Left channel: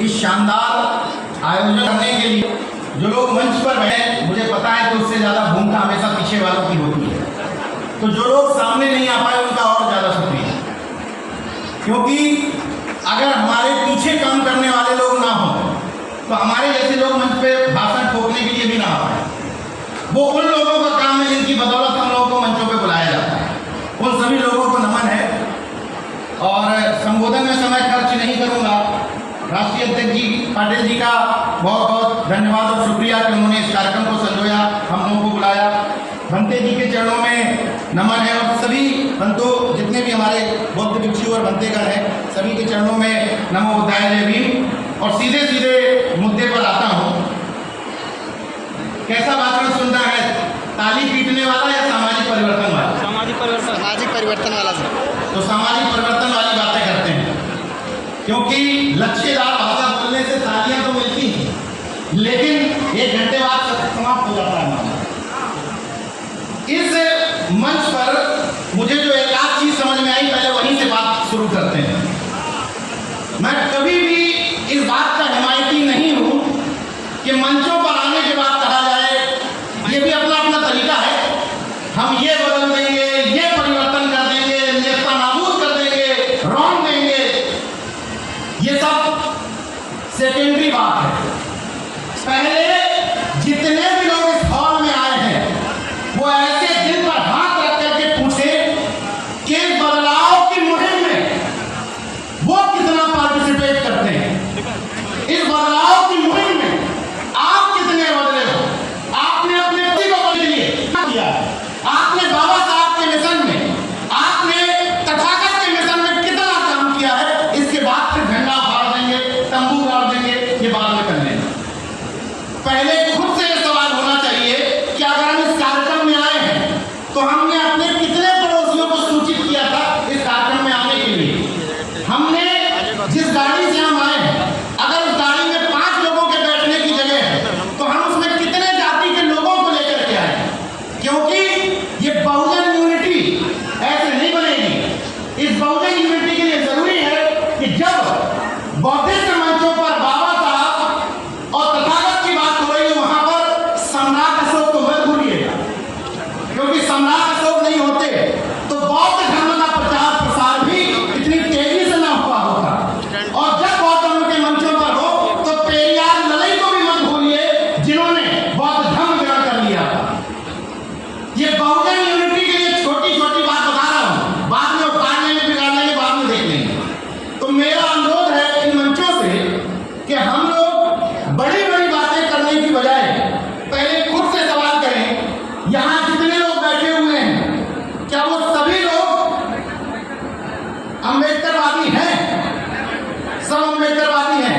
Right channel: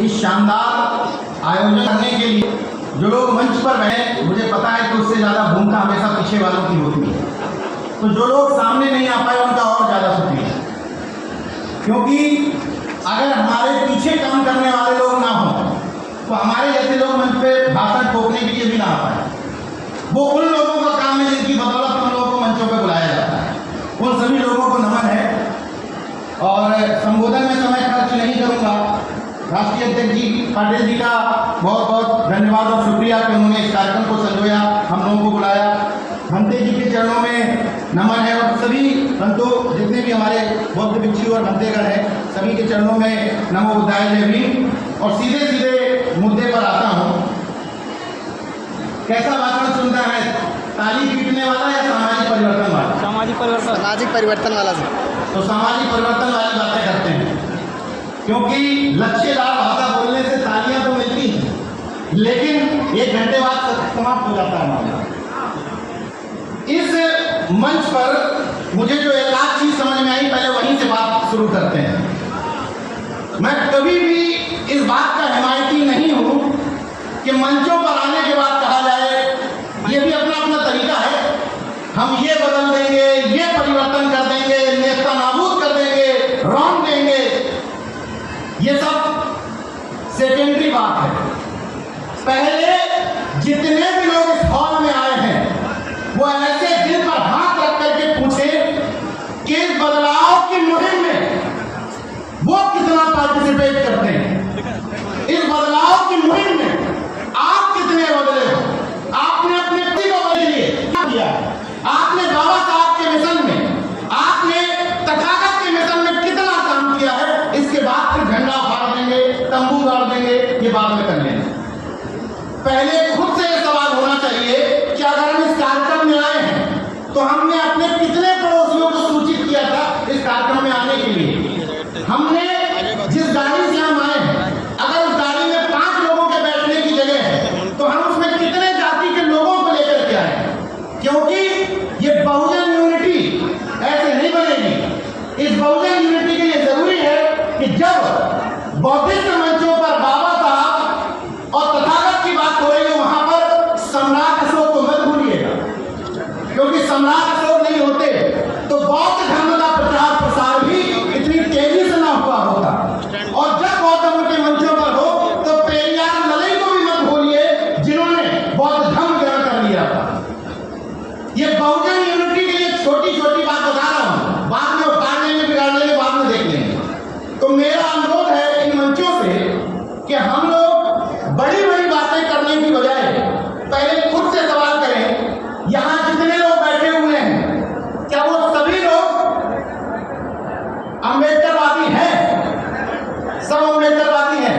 इस शानदार आयोजन करने के लिए जो लोग मंच पर बैठे, मुझे पता है कि उससे ज़्यादा भूमिका हमेशा पीछे वालों की होती है। तो जो लोग सामने नहीं आ पाए उनका और ज़्यादा शुक्रिया, क्योंकि अगर हमारे पीछे काम करने वाले लोग ना हों तो हमारे जैसे लोग मंच पे भाषण ठोकने के लिए भी ना आ पाए। वो उन लोगों का काम है जिनकी बदौलत हम लोगों को मंचों पे बुलाया जाता है। उन सभी लोगों को नमन है। और संबोधन में समय खर्च नहीं करूंगा। राष्ट्रीय अध्यक्ष जी पाटिल जी का बहुत बहुत धन्यवाद और शुक्रिया कि उन्होंने इस कार्यक्रम को संजोया, हम लोगों को बुलाया। भंते जी के चरणों में नमन है और सभी भंतों, जितने भी हमारे बौद्ध भिक्षु और भंतेगण हैं, सभी के चरणों में नमो बुद्धाय जय भीम। और सीधे सीधे मुद्दे पर आता हूँ। कैसा भाषण सुनता है, ताली पीटने वाला या सामाजिक परिवर्तन वाला? सामाजिक परिवर्तन वाला। तो सामाजिक परिवर्तन वाली बातें करते हैं, क्योंकि लक्ष्यदार भाषा बोलने से तालियां तो मिलती हैं, लेकिन 1 घंटे बाद समाप्त हो जाता है मामला। इस मंच पर मुझे जो एक आध चीज समझ में आई, पहले वहीं से बात शुरू करते हैं। मैं कभी भी इस बात का हिमायती नहीं हूं कि मंचों पर आने के बाद कहा जाए ये भी अपना अपना तरीका है, हम ये बदल देंगे, ये परिवर्तन कर देंगे, नेस्ता नाबूद कर देंगे, रौंद देंगे। ये सब सेकेंडरी बात है। पहले जितने भी लोग इस हॉल में आए हैं वो ऐसे दिल पर हाथ रख करके पूछे कि इस बदलाव की मुहिम में वो कितना पार्टिसिपेट करते हैं। इस बदलाव की मुहिम में आप कितने बदले हो? आपने अपने पति को बदल लिए किया, आपने बाबा साहब के मिशन में, आपने तथागत के मिशन में कितना काम किया है। इसके बाद फिर झंडा फाड़ देंगे, तंबू गाड़ देंगे, ये बाद में कर लेंगे। पहले खुद से ये सवाल होना चाहिए कि अगर हम इस कार्यक्रम में आए हैं तो हमने अपने कितने पड़ोसियों को सूचित किया था इस कार्यक्रम में आने के लिए। हमने जिस गाड़ी से हम आए हैं, अगर उस गाड़ी में 5 लोगों के बैठने की जगह है तो हम उसमें कितने जाति के लोगों को लेकर के आए, क्योंकि ये बहुजन यूनिटी ऐसे नहीं बनेगी। इस बहुजन यूनिटी के लिए जरूरी है कि जब बौद्धिस्ट मंचों पर बाबा साहब और तथागत की बात हो रही है, वहां पर सम्राट अशोक को मत भूलिएगा, क्योंकि सम्राट अशोक नहीं होते तो बौद्ध धर्म का प्रचार प्रसार भी इतनी तेजी से ना हुआ होता। और जब बौद्ध धर्म के मंचों पर हो तो पेरियार ललई को भी मत भूलिए, जिन्होंने बौद्ध धर्म ग्रहण कर लिया था। ये बहुजन यूनिटी के लिए छोटी छोटी बात बता रहा हूं, बाद में उखाड़ लेंगे, बिगाड़ लेंगे, बाद में देख लेंगे। तो मेरा अनुरोध है इन मंचों से कि हम लोग बड़ी बड़ी बातें करने की बजाय पहले खुद से सवाल करें, यहां जितने लोग बैठे हुए हैं क्या वो सभी लोग अम्बेडकरवादी हैं? सब अम्बेडकरवादी हैं?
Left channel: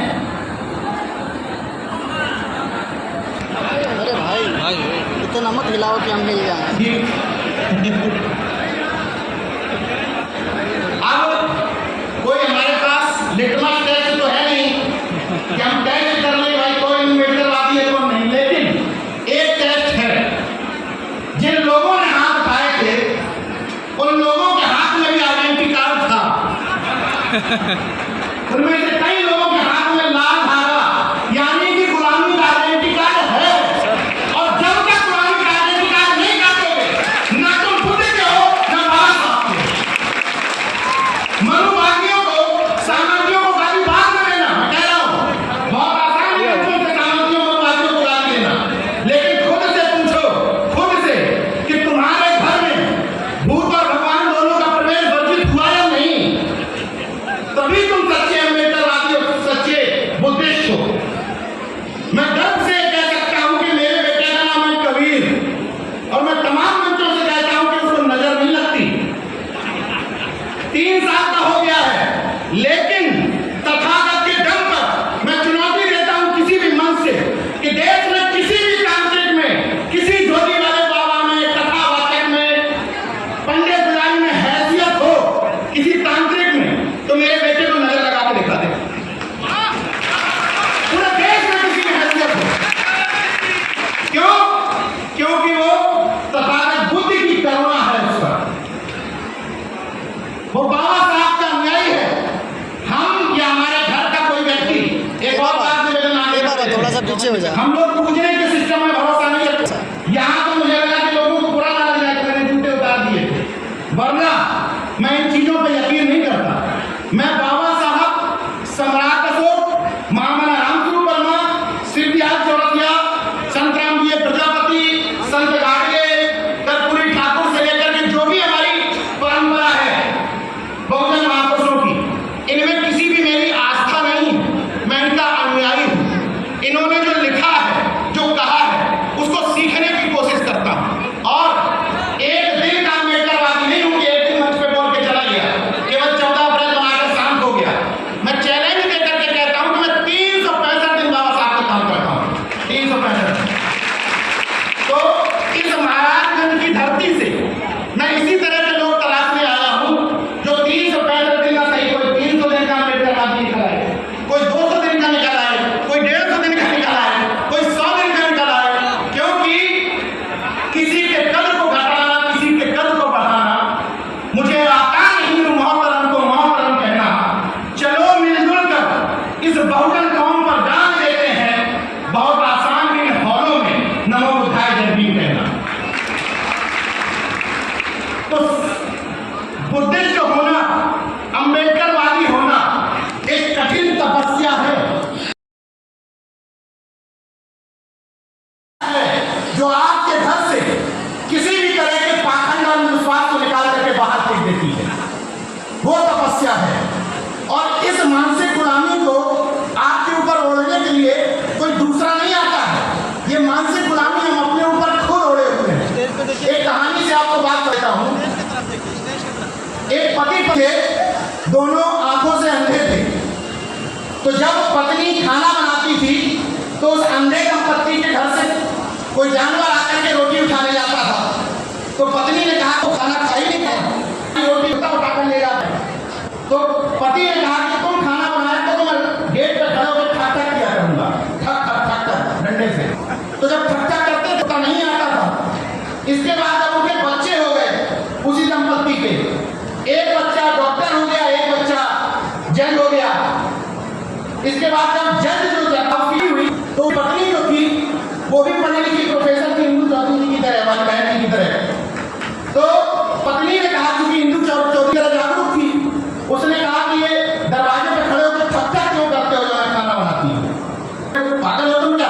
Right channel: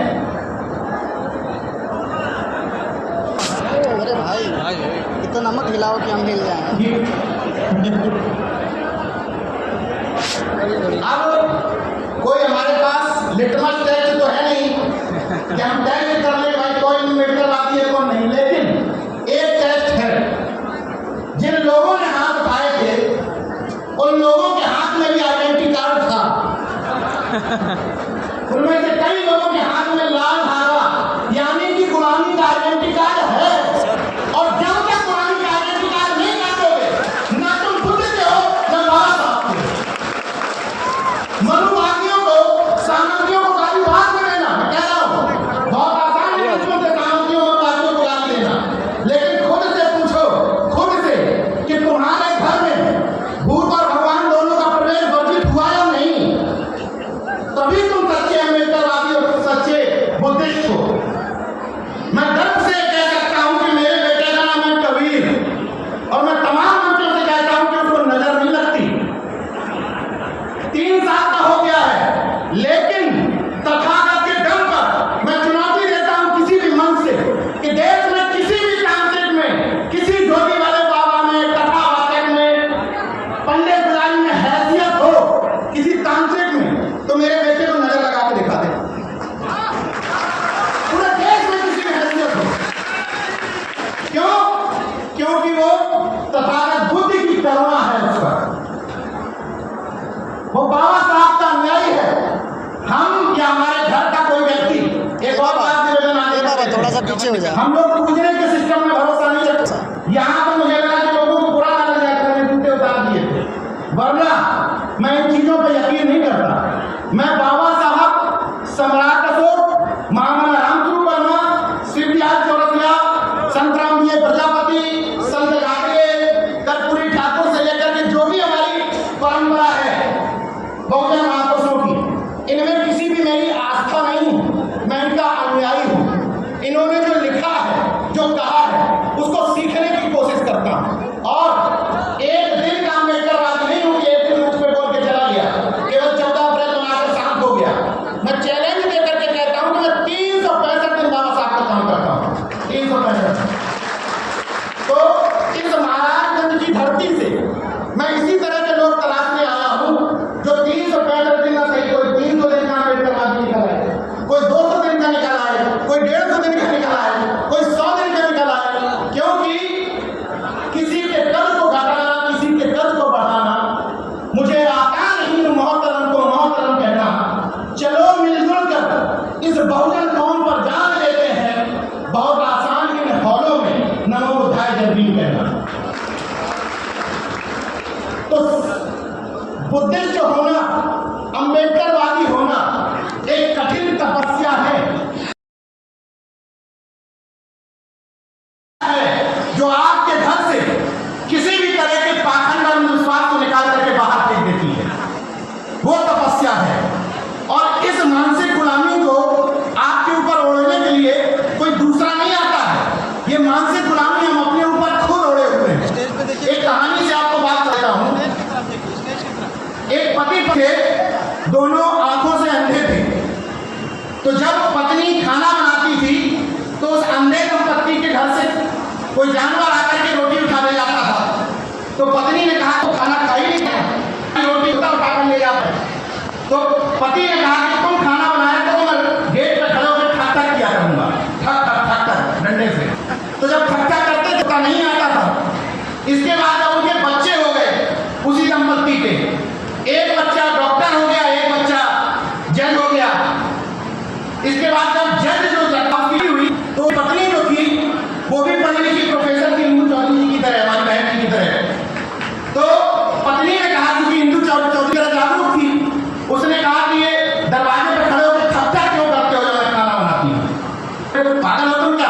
अरे भाई इतना मत हिलाओ कि हम हिल जाएं। अब कोई हमारे पास लिटमस टेस्ट तो है नहीं कि हम टेस्ट कर लें भाई कोई अम्बेडकरवादी है कौन नहीं, लेकिन एक टेस्ट है। जिन लोगों ने हाथ उठाए थे उन लोगों के हाथ में भी आइडेंटिटी कार्ड था। उनमें से कई लोगों के हाथ में लाल धागा यानी कि गुलामी का आइडेंटिटी कार्ड है। और जब तक गुलामी का आइडेंटिटी कार्ड नहीं काटोगे, ना तुम खुद के हो ना बाबा साहब के। मनुवादियों को, सामंतियों को गाली बाद में देना, मैं कह रहा हूं बहुत आसान है उनसे सामंतियों मनुवादियों को गाली देना, लेकिन खुद से पूछो, खुद से कि तुम्हारे घर में भूत और भगवान दोनों का प्रवेश वर्जित हुआ या नहीं, तभी तुम सच्चे अम्बेडकरवादी और पीछे हो जा। हम लोग पूजने के सिस्टम में भरोसा नहीं रखते। यहाँ तो मुझे लगा कि लोगों को बुरा ना लग जाए, मैंने जूते उतार दिए थे, वरना मैं इन चीजों पे यकीन नहीं करता। मैं बाबा साहब, सम्राट अशोक, महामना रामस्वरूप वर्मा, शिवदयाल चौरसिया, संत रामजी प्रजापति, संत गाडगे, कर्पूरी ठाकुर से लेकर के जो भी हमारी परंपरा है बहुजन महापुरुषों की, इनमें किसी भी मेरी आस्था नहीं है, मैं इनका अनुयायी हूँ। इन्होंने जो लिखा है, जो कहा है, उसको सीखने की कोशिश करता हूँ। और एक दिन का अम्बेडकरवादी नहीं हूँ कि एक दिन मंच पे बोल के चला गया, केवल 14 अप्रैल बनाकर शांत हो गया। मैं चैलेंज देकर के कहता हूँ कि मैं 365 दिन बाबा साहब का काम करता हूँ, 365। तो इस महाराजगंज की धरती से मैं इसी तरह के लोग तलाशने आया हूँ जो 365 दिन का सही, कोई 300 दिन का अम्बेडकरवादी निकल आए, कोई 200 दिन का निकल आए, कोई 150 दिन का निकल आए, कोई 100 दिन का निकल आए। क्योंकि किसी के कद को घटाना, किसी के कद को बढ़ाना मुझे आता नहीं, मोहतरम को मोहतरम कहना। चलो मिलजुल कर इस बहुजन कौम पर जान देते हैं, बहुत आसान इन हॉलों में नमो बुद्धाय जय भीम कहना। तो बुद्धिस्ट होना, अम्बेडकरवादी होना एक कठिन तपस्या है जो आपके घर से किसी भी तरह के पाखंड और विश्वास को निकाल करके बाहर फेंक देती है, वो तपस्या है। और इस मानसिक गुलामी को आपके ऊपर ओढ़ने के लिए कोई दूसरा नहीं आता है। ये मानसिक गुलामी हम अपने ऊपर खुद ओढ़े हुए हैं। एक कहानी से आपको बात करता हूँ। एक पति पत्नी दोनों आंखों से अंधे थे, तो जब पत्नी खाना बनाती थी तो उस अंधे दंपत्ति के घर से कोई जानवर आकर के रोटी उठा ले जाता था। तो पत्नी ने कहा तो खाना खा ही नहीं है, रोटी उठाकर ले जाता है। तो पति ने कहा कि तुम खाना बनाया तो मैं गेट पर खड़े होकर ठक ठक किया करूंगा, ठक ठक ठक ठक डंडे से। तो जब ठक ठक करते तो नहीं आता था। इसके बाद जब उनके बच्चे हो गए उसी दंपत्ति के, एक बच्चा डॉक्टर हो गया, एक बच्चा जज हो गया। इसके बाद जब जज जो जज हुई तो पत्नी जो थी वो भी पढ़ी लिखी प्रोफेसर थी, इंदू चौधरी की तरह, हमारी बहन जी की तरह। तो पत्नी ने कहा, क्योंकि इंदू चौधरी तरह जागरूक थी, उसने कहा कि ये दरवाजे पर खड़े होकर ठक्का क्यों करते हो जब मैं खाना बनाती हूँ? पागल हो तुम क्या?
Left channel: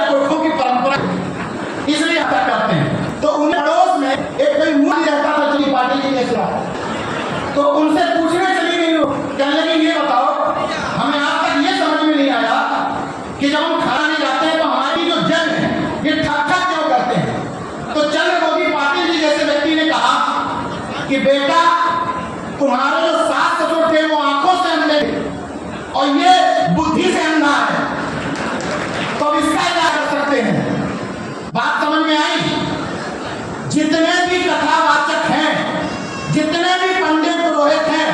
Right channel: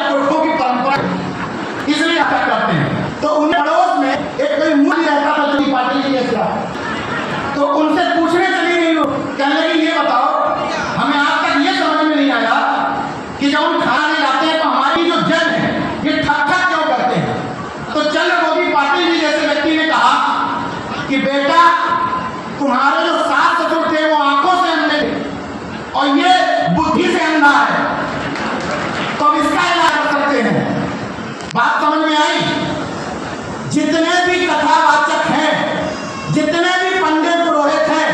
पुरखों की परंपरा इसलिए हत्या करते हैं। तो उनके पड़ोस में एक कोई मूर्ति रहता था जो पाटिल जी जैसा, तो उनसे पूछने चली गई, कहने लगी ये बताओ, हमें आज तक ये समझ में नहीं आया कि जब हम खाना नहीं जाते हैं तो हमारी जो जज है ये ठक ठक क्यों करते हैं? तो चंद्रमोदी पाटिल जी जैसे व्यक्ति ने कहा कि बेटा, तुम्हारे जो सास ससुर थे वो आंखों से अंधे थे और ये बुद्धि से अंधा है, तो अब इसका इलाज कर सकते हैं। बात समझ में आई? जितने भी कथावाचक हैं, जितने भी पंडित पुरोहित हैं,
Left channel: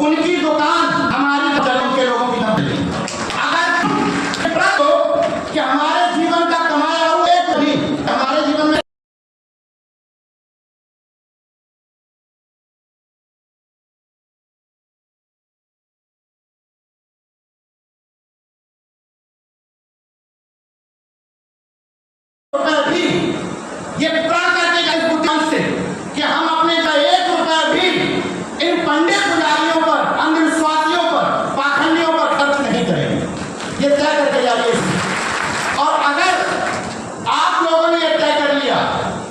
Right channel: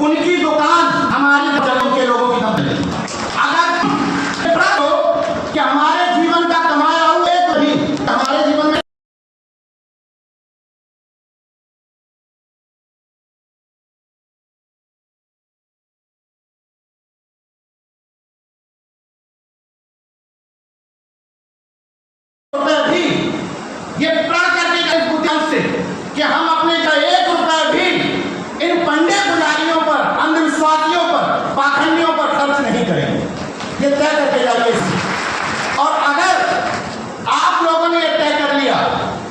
उनकी दुकान हमारी जन्म के लोगों की दम पे। अगर कि हमारे जीवन का कमाया हुआ एक भी हमारे जीवन में भी ये प्रण करके गए बुद्धिमान से कि हम अपने का 1 रुपया भी इन पंडित पुजारियों पर, अंधविश्वासियों पर, पाखंडियों पर खर्च नहीं करेंगे। ये तय करके जाइए। और अगर आप लोगों ने यह तय कर लिया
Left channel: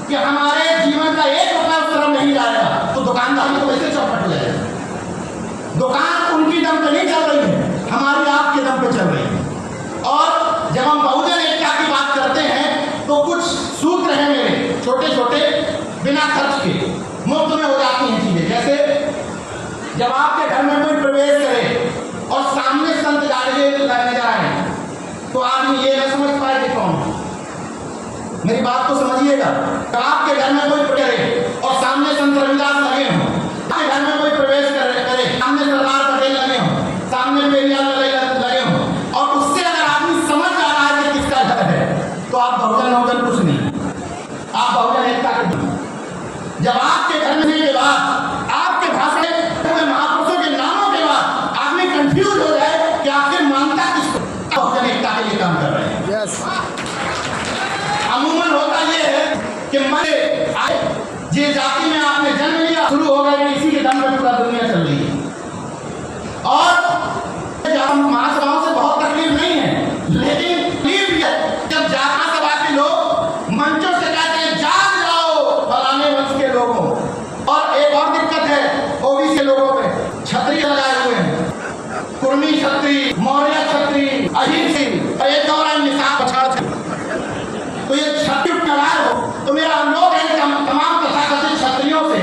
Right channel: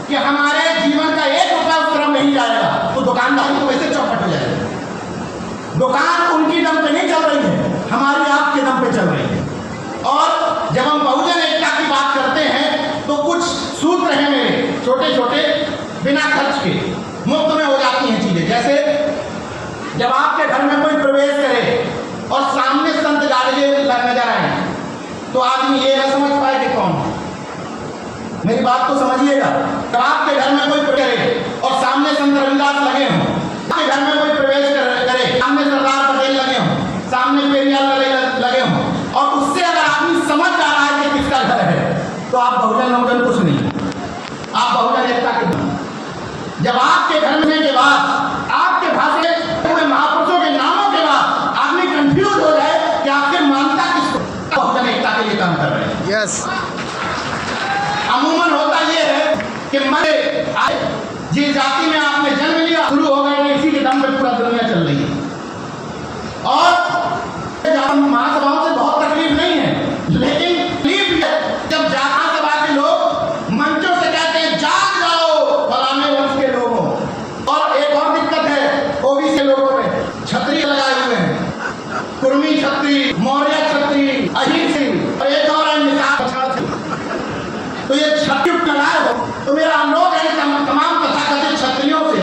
कि हमारे जीवन का 1 रुपया उस तरफ नहीं जाएगा, तो दुकानदारी तो वैसे चौपट हो जाएगी। दुकान उनकी दम पे नहीं चल रही है, हमारी आपके दम पे चल रही है। और जब हम बहुजन एकता की बात करते हैं तो कुछ सूत्र हैं मेरे, छोटे छोटे, बिना खर्च के मुफ्त में हो जाती हैं चीजें। जैसे जब आपके घर में कोई प्रवेश करे और सामने संत गाडगे नजर आए तो आदमी ये ना समझ पाए कि कौन है। मेरी बात को समझिएगा। जब आपके घर में कोई करे और सामने संत रविदास लगे हों, आपके घर में कोई प्रवेश करे, सामने सरदार पटेल लगे हों, सामने पेरियार लगे हों, और उससे अगर आदमी समझ जा रहा है कि किसका घर है, तो आप बहुजन कुछ नहीं, आप बहुजन एकता के। जब आपके घर में के बाद आपके भाषण में महापुरुषों के नामों के बाद आदमी कंफ्यूज हो जाए कि आखिर मानता किसको, बहुजन एकता के लिए काम कर रहे हैं। यस। अमूमन होता यह है कि मैं जिस जाति में आपने जन्म लिया शुरू हो गए, इसी के दम पे पूरा दुनिया चल रही है। और महासभाओं से बहुत तकलीफ नहीं है, लेकिन तकलीफ है जब जाता सभा के लोग मंचों से कहते हैं जाग जाओ फलाने वंश के लोगों। और एक और दिक्कत है ओबीसी के लोगों में, छतरी लगाए हुए हैं, कुर्मी छतरी, मौर्य छतरी, अहिंसी और एक और है निशान पछाड़ छतरी। तो ये छतरी लगाए हो तो मेरा अनुरोध है तमाम तथाकथित क्षत्रियों से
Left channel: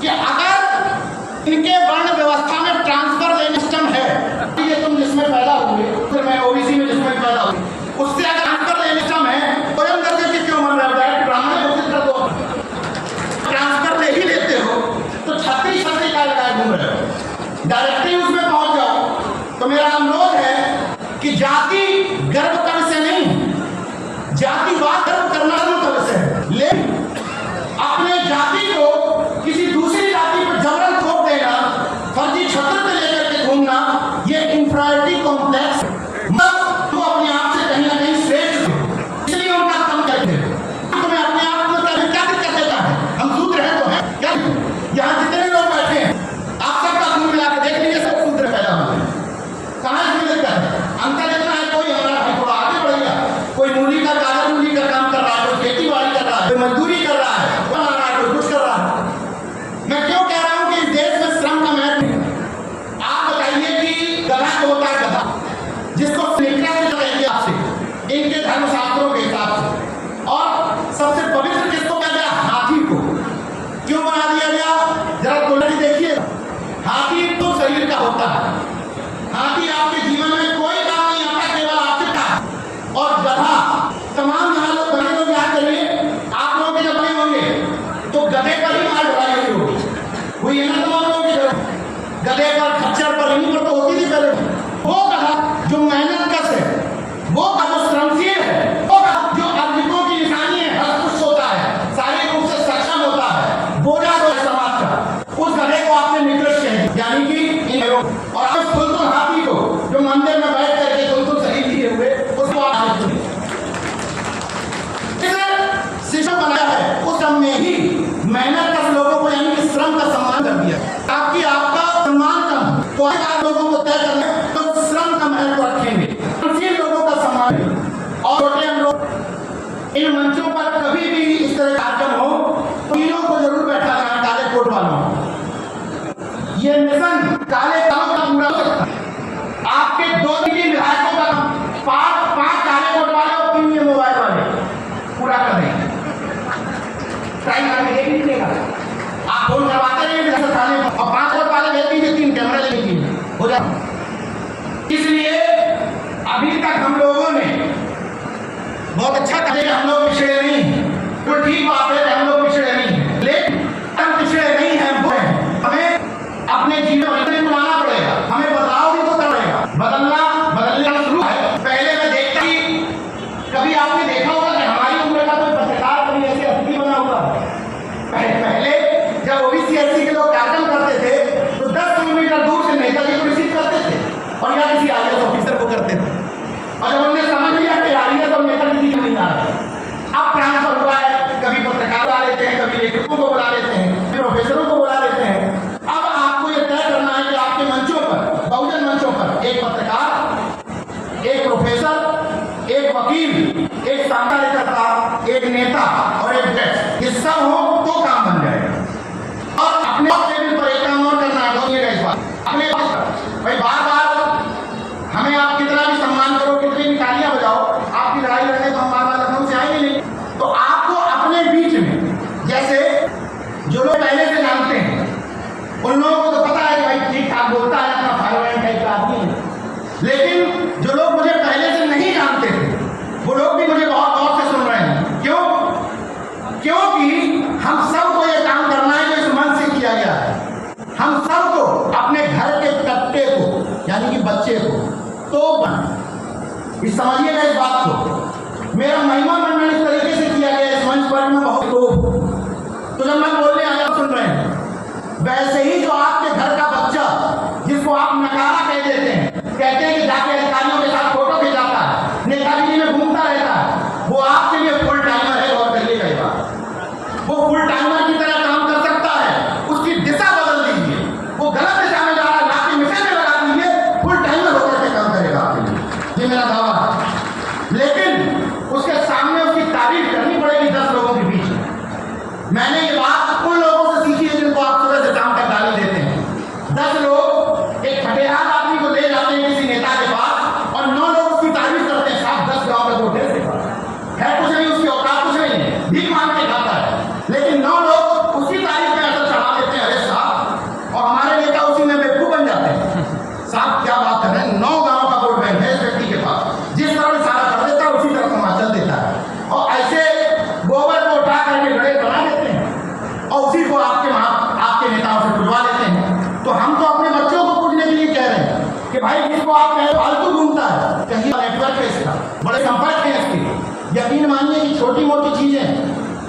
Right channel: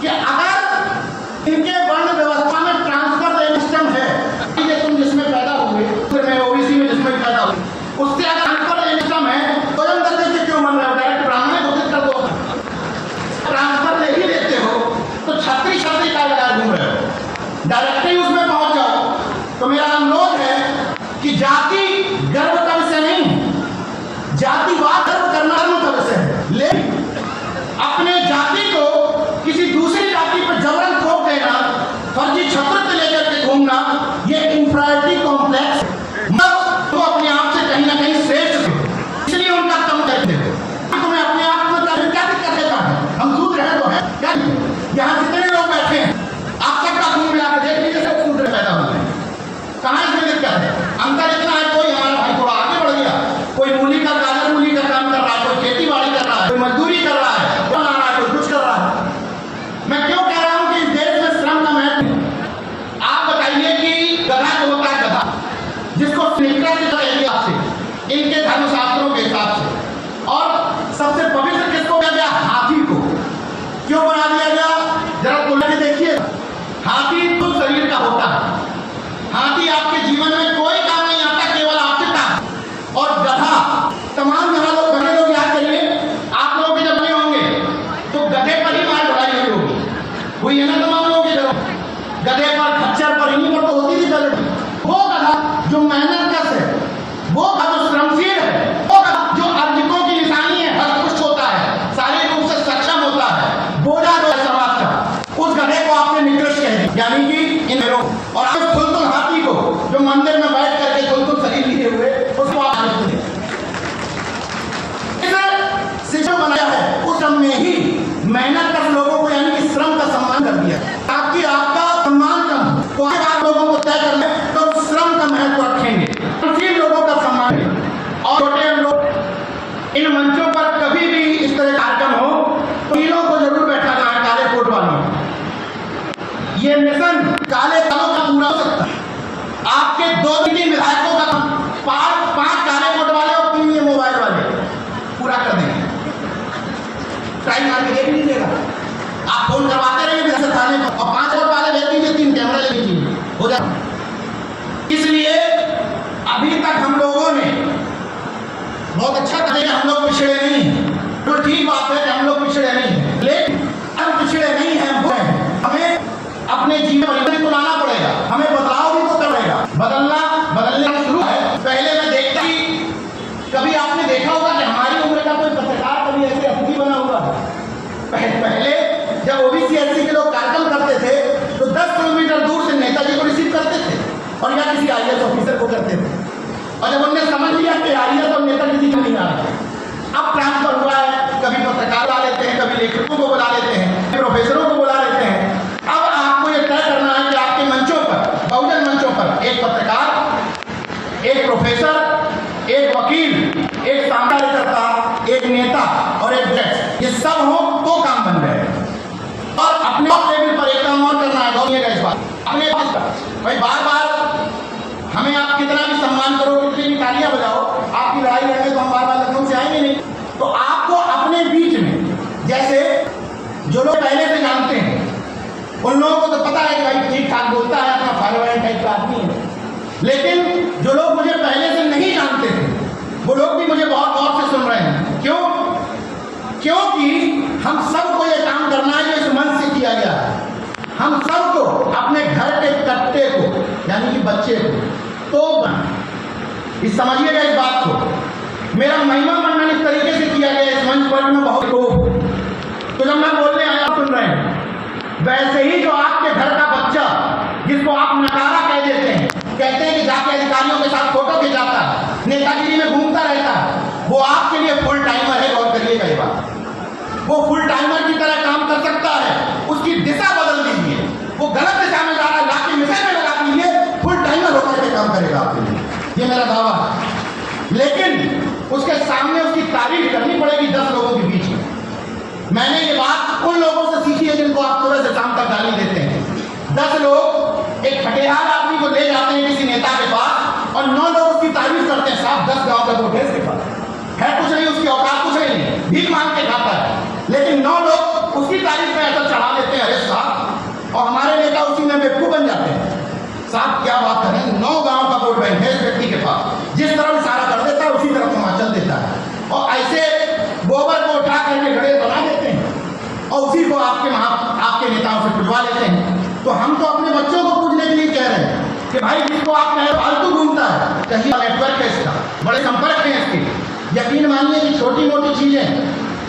कि अगर इनके वर्ण व्यवस्था में ट्रांसफर लेने सिस्टम है, ये तुम जिसमें पैदा हुए, फिर मैं ओबीसी में जिसमें पैदा हुई, उससे अगर ट्रांसफर लेने सिस्टम है तो हम दर्जे के क्यों मन रहे हो? डायरेक्ट ब्राह्मण घोषित कर दो। ट्रांसफर ले ही लेते हो तो छतरी छतरी का लगाए घूम रहे हो, डायरेक्टली उसमें पहुंच जाओ। तो मेरा अनुरोध है कि जाति गर्व कब से नहीं, जातिवाद गर्व करना कब से है, लेकिन अपने जाति को किसी दूसरी जाति पर जबरन थोप देना, फर्जी छत्र से लेकर के घूमना, ये इंफीरियरिटी कॉम्प्लेक्स तो अपने आप से कहीं ना कहीं श्रेष्ठ, इसलिए उनका कम करते हो। तुम्हें अपने आप में क्या दिक्कत देता है? हम शूद्र हैं तो है क्या? यहाँ जितने लोग बैठे हैं आप सबका खून मिला के देख लीजिए, सब शूद्र पैदा हुए हैं। कहाँ इसमें दिक्कत है? अंतर इतना है, कोई हमारा भाई थोड़ा आगे बढ़ गया, कोई मूली का गाजर मूली का काम कर रहा है, कोई खेती बाड़ी कर रहा है, कोई मजदूरी कर रहा है, बना रहा है, कोई कुछ कर रहा है। मैं क्यों कह रहा हूं कि इस देश में श्रम का महत्व है? आप बताइए कि गधा जो होता है, गधा जिसको निकला से कहेंगे आपसे इनके धर्मशास्त्रों के हिसाब से, और सबसे पवित्र किसको कहा गया? हाथी को। क्यों बना दिया गया? जरा तुलना देखिए, हाथी तो शरीर का होता है, हाथी आपके जीवन में कोई काम नहीं आता, केवल आपसे काम। और गधा, तमाम यहाँ लोग बने लोग याद करिए, आप लोगों के जब बने होंगे तो गधे पर ही मार ढलाई हुई होगी, हुई है ना तमाम लोगों के घर? गधे पर, खच्चर पर, इन्हीं पर तो होती थी पहले। वो गधा जो मेहनत कश है, वो गधा जो श्रमशील है, वो गधा जो अर्जितों की निशानी है, हस्तपुष्ट होता है, शारीरिक रूप से सक्षम होता है, बोझा जो है समाज का, उस गधे को आपने निकृष्ट कह दिया, यानी कि इन लोग। और आप खुलतुल हाथी को जो मंदिर में बैठ करके खुलतुल शरीर लिए हुए, उसको आप सिस्टम बनाया है, उस सब में ही मेहनत कर लोगों को, यानी कि श्रम का सम्मान कर दिया। ताकि आपका सम्मान कम हो तो आप लोगों को तय करना तो श्रम का महत्व रखेंगे, फिर लोगों का सम्मान है। और छोटे हम लोग इन मंचों पर कभी भी इस तरह कार्यक्रम हो तो तीनों को जरूर बैठाना है, काले कोट वालों। ये मिशन काले कालों का पूरा हो सकता है। आपके 2-3 विधायकों का 5 काले कोट वाले और 3 ये मोबाइल वाले पूरा कर देंगे। ट्राई मार के देख लीजिएगा, आप फोन करवाते रहिए थाने पर, और 5 कोट वाले भेज दीजिए, 3 कैमरा ले लीजिए, हो जाए। इसलिए अभी तक हम लोगों ने बहुत अच्छा करेगा, हम लोग पिछड़े नहीं हैं, तो ठीक बात है कि हम लोग पिछड़े नहीं हैं, लेकिन हम पिछड़े नहीं हैं, हमें अपने जीवन को लाना पड़ेगा, हमें बदलाव भी तो करेगा, बदलना शुरू है। पहले मैं देखता ही, कभी आपने देखा होगा कि हमारी उम्र का कोई पत्रकार कभी ऐसे अतिथि बना हुआ है? पहले जब ओबीसी एससी के लोग कार्यक्रम करते थे तो 10 किलोमीटर दूर से नेताजी को रिसीव करते थे, और या किसी आईएएस ऑफिसर को करते थे। और जब उन्होंने समझ लिया कि आईएएस और नेताजी दिख नहीं आ रहे, अब ट्रांसफर हुआ है, कभी पत्रकार बुला लेते हैं, कभी लेखकों को बुला लेते हैं, प्रोफेसरों को बुला लेते हैं। अब आपको ये तय करना है कि आपके मंचों पर, बहुजन मंचों पर, एक पत्रकार, एक प्रोफेसर, एक वकील, एक कार्यकर्ता, एक नेता और एक जज, ये सब हो तो काम बन जाएगा। और अपने टेबल पर एक काम और करना है, इस बात अपने पास भाई, बार हमें आप कितना भी सम्मान करो, कितनी भी तालियां बजाओ, आपकी लड़ाई लड़ने तो हम बार लखनऊ से आएंगे नहीं। तो आपको अपने बीच में, जैसे जो लोग पहले से जानते हैं उन लोगों को तो पता है कि भाई ठीक ठाक बोलता है, अपना फाइल टाइप का आदमी है, लेकिन जो लोग मुझे पहले से नहीं जानते थे वो लोग भी मुझे बहुत गौर से सुन रहे हैं। क्यों? क्योंकि हम सबको ये काम करना है जो इस मन से किया गया है। हम सबको अपने घर के कट्टे को, यानी कि बच्चे को तो बने, समझिएगा इस बात को। मेरा महिमा मंडन इस तरीके से किया गया इस मंच पर, मैं बहुत तो जब मैं बोलने आया सुन रहे हैं, वैसे ही जो आपके घर का बच्चा जिसको आप नकारा कह देते हैं, कहते हैं कि जाके अधिकारियों के साथ फोटो खिंचा नेतागिरी में घूमता रहता है, वो आपके लिए फुल टाइमर है। गौर करिएगा ये बात, वो फुल टाइमर की तरह काम कर सकता है। उसकी दिशा बदल दीजिए, वो गलत दिशा में जा रहा है, लाके मिसाइल में लगा दीजिए, फुल टाइमर होकर के काम करेगा आपके लिए, ये मेरा दावा है। लेकिन उसके सामने उसकी तारीफ करनी पड़ेगी 10 लोगों के बीच में। मैंने ये बात उन लोगों से सीखी है जिनको आप सुबह से शाम तक गाली देते हैं। 10 लोग एक खटेहाल आदमी को ले जाते हैं किसी नेता के पास और 9 लोग उसकी तारीफ करते हैं। साहब 10 गांव का वोट है इसके पास, है कुछ नहीं, उसकी औकात कुछ नहीं है, भीख मांग के खाता है, लेकिन 9 लोग उसकी तारीफ में ऐसा चढ़ा देते हैं, अरे साहब, और हमारे नेता उसी में बेवकूफ बन जाते हैं। साहब क्या बात कर रहे हैं, 9 गांव का वोट बैंक है इस व्यक्ति के पास, जिस तरफ इशारा कर देता है उसी तरफ हिमाचल देता है, और ऐसे गोबर को उठा करके घड़े बना देते हैं और उसी को आपके नेताओं से पुजवा लेते हैं। तो हम तो अपने बच्चों को पूछने के लिए कह रहे हैं कि भाई जिसको आप कहे फालतू घूमता है, कहीं नेटवर्क है इसका, बड़े संपर्क हैं इसके, यकीन मानिए कि छोटी मोटी चीजें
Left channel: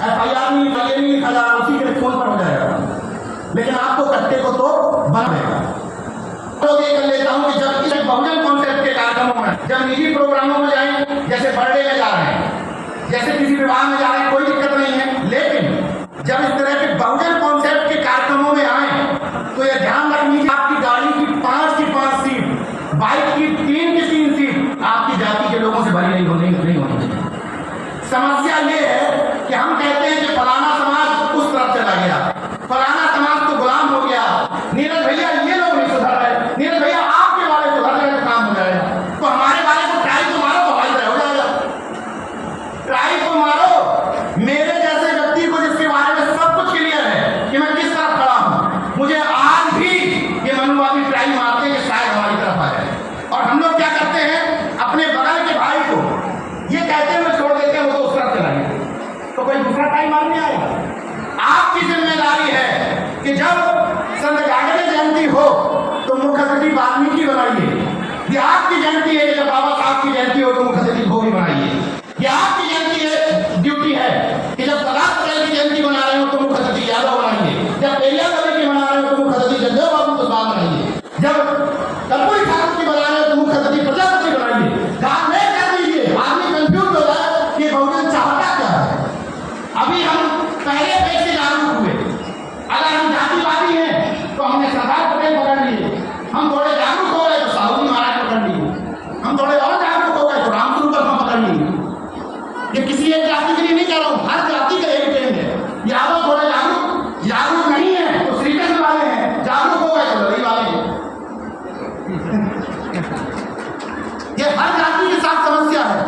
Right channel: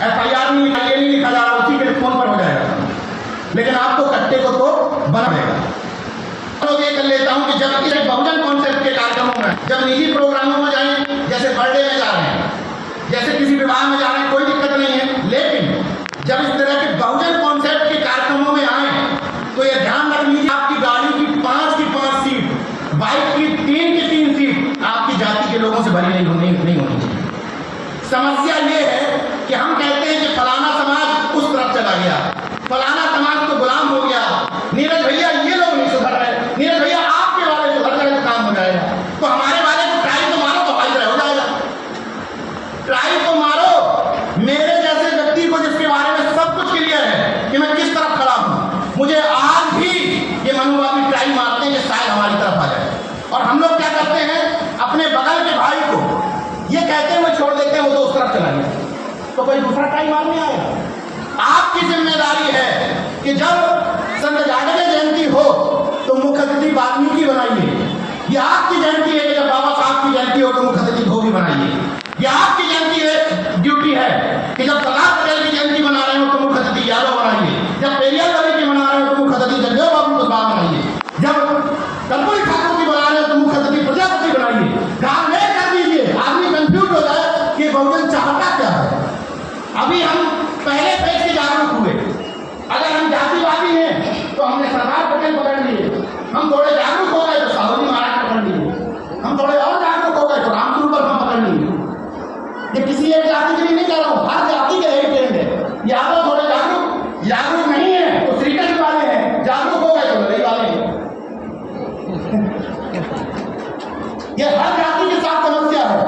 FIR नहीं लिखा, ये नहीं लिखा जा रहा, उसी के फोन पर हो जाएगा, लेकिन आपको कट्टे को तो बनाएगा। तो ये कर लेता हूं कि जब इस बहुजन कॉन्सेप्ट के कार्यक्रमों में, जब निजी प्रोग्रामों में जाएं, जैसे बर्थडे में जा रहे हैं, जैसे किसी विवाह में जा रहे हैं, कोई दिक्कत नहीं है, लेकिन जब इस तरह के बहुजन कॉन्सेप्ट के कार्यक्रमों में आए तो यह ध्यान रख लीजिए, आपकी गाड़ी की 5 की 5 सीट, बाइक की 3 की 3 सीट आपकी जाति के लोगों से भरी नहीं होनी चाहिए। समस्या ये है कि हम कहते हैं कि फलाना समाज उस तरफ चला गया, फलाना समाज तो गुलाम हो गया, नीरज भैया ये लोग नहीं सुधर रहे, नीरज भैया आपके वाले सुधर रहे तो काम हो जाएगा, तो हमारे वाले को ट्राई तो मारो तो भाई हो जाएगा, ट्राई तो मारो। मेरे जैसे व्यक्ति को जिसके बारे में सब कुछ क्लियर है कि मैं किस तरफ खड़ा हूं, मुझे आज भी ये मनोवादी ट्राई मारते हैं कि शायद हमारी तरफ आ जाए, और हम लोग क्या करते हैं, अपने बगल के भाई को ये कहते हुए छोड़ देते हैं, वो तो उस तरफ चला गया, तो कोई दूसरा ट्राई मारने आएगा। आपकी जिम्मेदारी है कि जब संत जागरण जयंती हो तो मुख्य अतिथि वाल्मीकि बनाइए, ये आपकी जयंती है कि जब बाबा साहब की जयंती हो तो मुख्य अतिथि भोगी बनाइए, ये आपकी जयंती है, ड्यूटी है कि जब सरदार पटेल की जयंती बना रहे हो तो मुख्य अतिथि यादव बनाइए, जब पेरियार की बना रहे हो तो मुख्य अतिथि जगदेव बाबू कुशवाहा बनाइए, जब कर्पूरी ठाकुर की बना रहे हो तो मुख्य अतिथि प्रजापति बनाइए। काम में कर दीजिए, आदमी कंफ्यूज हो जाए कि बहुजन चाहता क्या है। अभी हम पहले पेज से जागरूक हुए, अगर हम जातिवादी हैं तो हमने सरदार पटेल पकड़ लिए, हम थोड़े जागरूक हो गए तो साहू जी महाराज पकड़ लिए, हम थोड़े और जागरूक हो गए तो रामस्वरूप हम पकड़ लिए। ये किसी एक जाति के लिए नहीं कह रहा हूं, हर जाति का यही ट्रेंड है। यादव थोड़े जागरूक नहीं है तो श्रीकृष्ण वाले हैं, जागरूक हो गए तो लड़ाई वाले हैं। ये हर जाति के साथ समस्या है,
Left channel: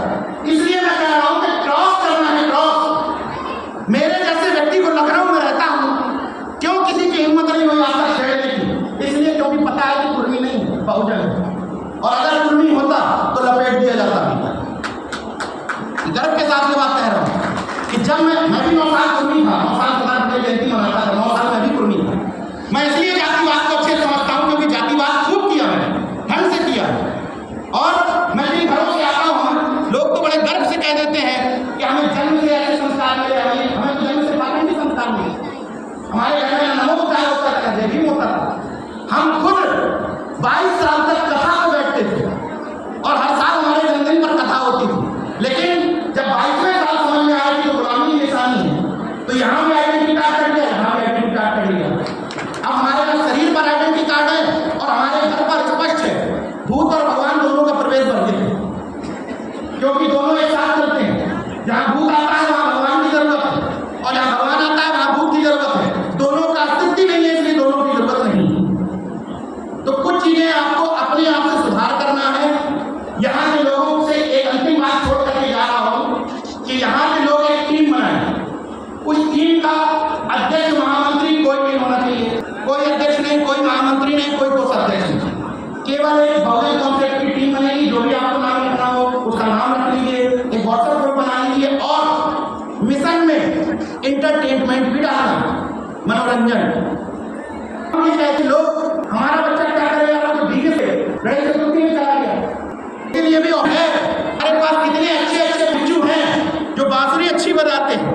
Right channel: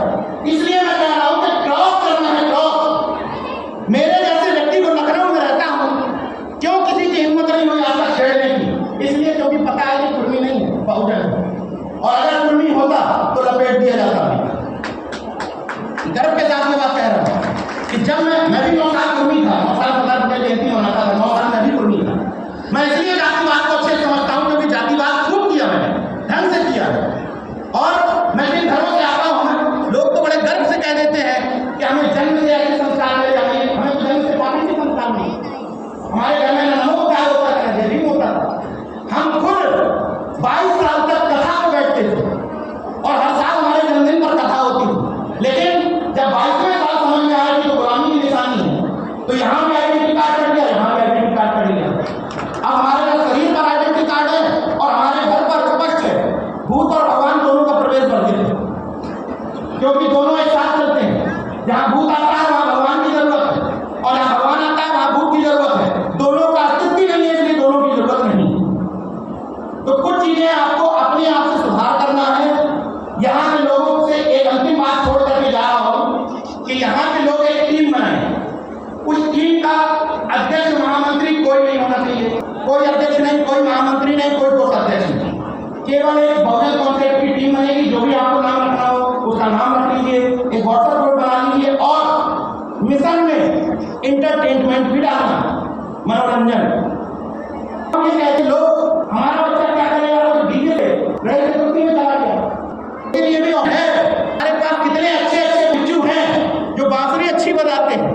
इसलिए मैं कह रहा हूं कि क्रॉस करना है, क्रॉस। मेरे जैसे व्यक्ति को लखनऊ में रहता हूं, क्यों किसी की हिम्मत नहीं हुई आज तक छेड़ने की, इसलिए क्योंकि पता है कि कुर्मी नहीं है, बहुजन है, और अगर कुर्मी होता तो लपेट दिया जाता नहीं। गर्व के साथ ये बात कह रहा हूं कि जब मैं भी 9 साल कुर्मी था, 9 साल सरदार पटेल जयंती मनाता था, 9 साल मैं भी कुर्मी था। मैं इसलिए जातिवाद को अच्छे समझता हूं क्योंकि जातिवाद खूब किया मैंने, ढंग से किया है, और मैं जिन घरों से आता हूं लोग तो बड़े गर्व से कह देते हैं कि हमें जन्म से ऐसे संस्कार मिले, हमें तो जन्म से पाखंडी संस्कार मिले, हमारे घर में नमो होता था, जय भीम होता था, हम खुद 22 साल तक कथा में बैठते थे और हर साल हमारे जन्मदिन पर कथा होती थी, लेकिन जब 22वें साल समझ में आया कि तो गुलामी की निशानी है, तो यहाँ भी आइडेंटिटी कार्ड कर दिया, यहाँ भी आइडेंटिटी कार्ड कर लिया। अब हमारे पास शरीर पर आइडेंटिटी कार्ड है और हमारे घर पर स्पष्ट है, भूत और भगवान दोनों का प्रवेश कर देते हैं, क्योंकि दोनों एक साथ चलते हैं। जहाँ भूत आता है वहाँ भगवान की जरूरत है, और जहाँ भगवान आता है वहाँ भूत की जरूरत है, दोनों का अस्तित्व नहीं है, इसलिए दोनों की जरूरत नहीं है। तो कुछ चीजें आपको अपने आप से सुधार करना है। यहाँ के लोगों से एक अंतिम बात छोड़ करके जा रहा हूँ कि यहाँ के लोग एक टीम बनाए, उस टीम का अध्यक्ष महामंत्री कोई नहीं होना चाहिए, कोई अध्यक्ष नहीं, कोई महामंत्री नहीं, कोई दोस्त अध्यक्ष नहीं, केवल एक बहुजन कॉन्सेप्ट की टीम बनेगी। जो भी आपको नाम रखना हो उसका नाम रख लीजिए, एक व्हाट्सएप ग्रुप बना लीजिए, और मिशन में इंटरटेनमेंट भी डालना, मनोरंजन। हम ये कहते लोग हमारा बच्चा क्या करेगा, तो डीजे से गणेश चतुर्थी में चला गया, ये भी है। हमारे पास कितने अच्छे अच्छे बिच्छू हैं जो बांसुरी अच्छी बजाते हैं,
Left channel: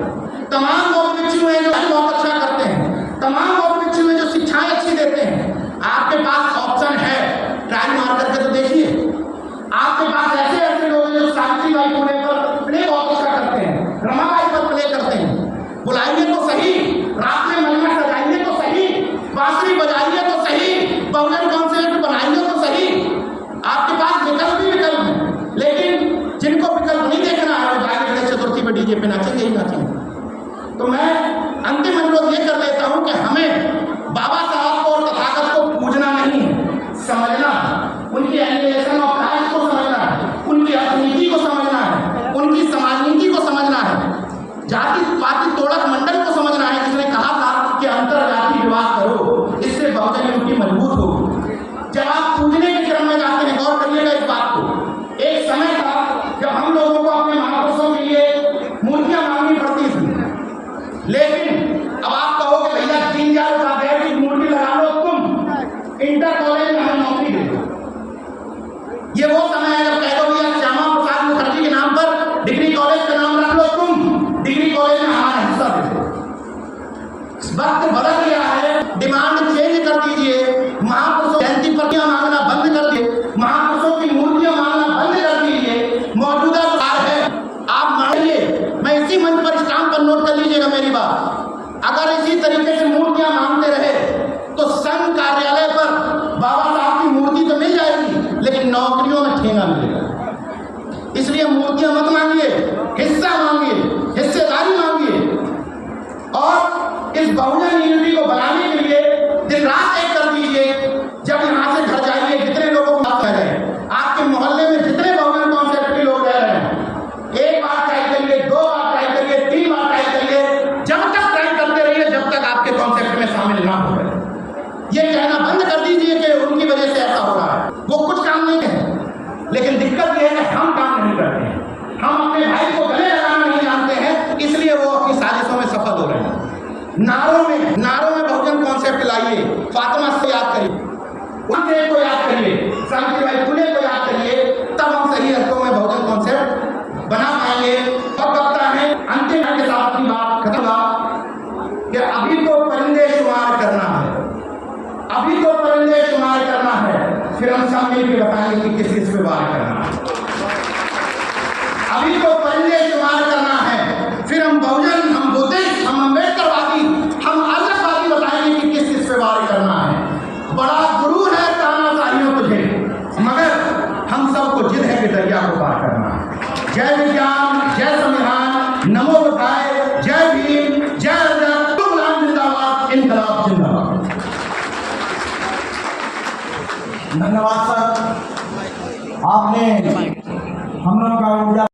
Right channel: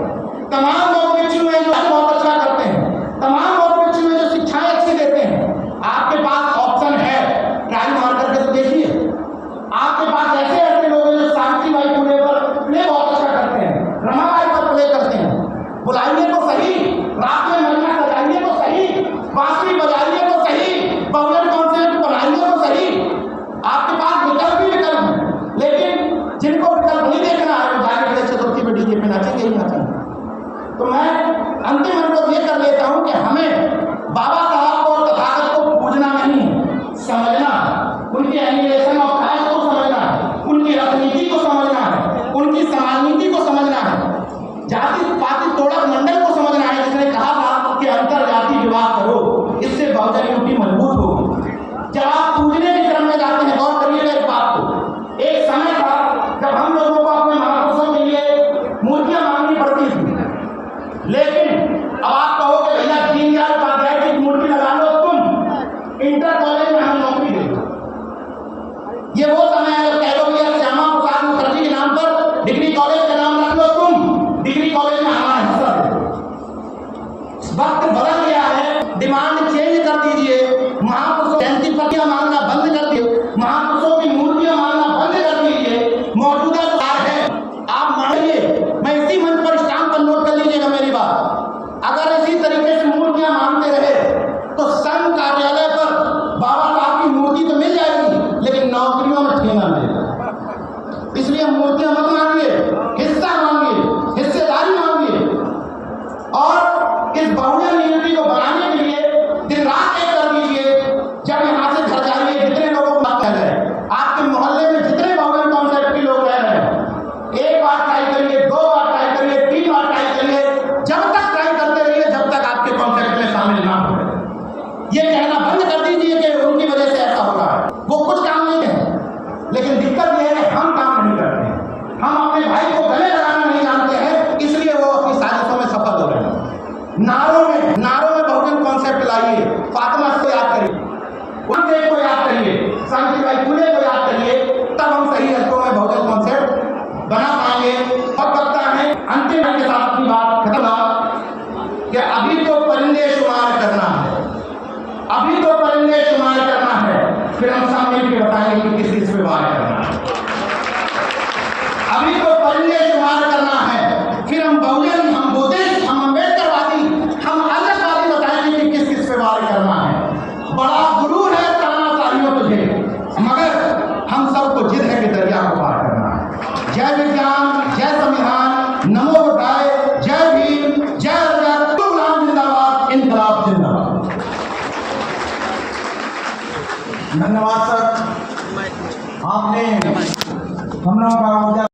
तमाम बहुत बिच्छू हैं जो बहुत अच्छा करते हैं, तमाम बहुत बिच्छू हैं जो शिक्षाएं अच्छी देते हैं। आपके पास ऑप्शन है, ट्राई मार करके तो देखिए। आपके पास ऐसे ऐसे लोग हैं जो शांति कुर्सियां मत मांगिए, हिस्सा मांगिए, हिस्सेदारी मांगिए। और इस बहुजन यूनिटी को बनाने के लिए दिन रात एक कर दीजिए। जब यहाँ से घर जाइए, जितने लोगों को बात कर रहे हैं, आपके मोहल्ले में जितने बहुजन कॉन्सेप्ट के लोग रह रहे हैं, एक बार ट्राई करिए, 2 बार ट्राई करिए, 3 बार ट्राई करिए, जब तक ट्राई करते रहिए जब तक आपके कॉन्सेप्ट में शामिल ना हो गए। ये कहना बंद कर दीजिए कि उनकी वजह से ऐसा हो रहा है। वो कुछ काम नहीं है, लेकिन दिक्कत ये है हम काम नहीं करते हैं। हम अपने भाई को गले लगाना नहीं जानते हैं, इसलिए वो अपनी साजिशों में सफल हो रहे हैं। नारों में बहुजन कॉन्सेप्ट लाइए। फातिमा को याद करिए, उनके को याद करिए, सावित्रीबाई फुले को याद करिए, तब हम सही अर्थों में बहुजन कॉन्सेप्ट बना पाएंगे। और लगता है अंतिम के साथ अपनी बात खत्म हुआ कि अभी तो परिंदे शुमार करना है, अभी तो परिंदे शुमार करना है, फिर हम सब मिलकर बताएंगे कि किस चीज पे वार करना है। अभी तो परिंदे शुमार करना है, फिर हम बहुजन, हम बुद्धिस्ट, हम अम्बेडकरवादी, हम अलगवादी बताएंगे कि किस चीज पे वार करना है। बड़ा गुरु है तानाशाहियों तुझे, मगर हम सबको जिद है कि दरिया को पार करना है। जय विज्ञान, जय संविधान, नमो बुद्धाय, जय भीम, जय अजर, गुलाम जिंदाबाद, इनकलाब जिंदाबाद। धन्यवाद सर, आपने हम लोगों का ऊर्जा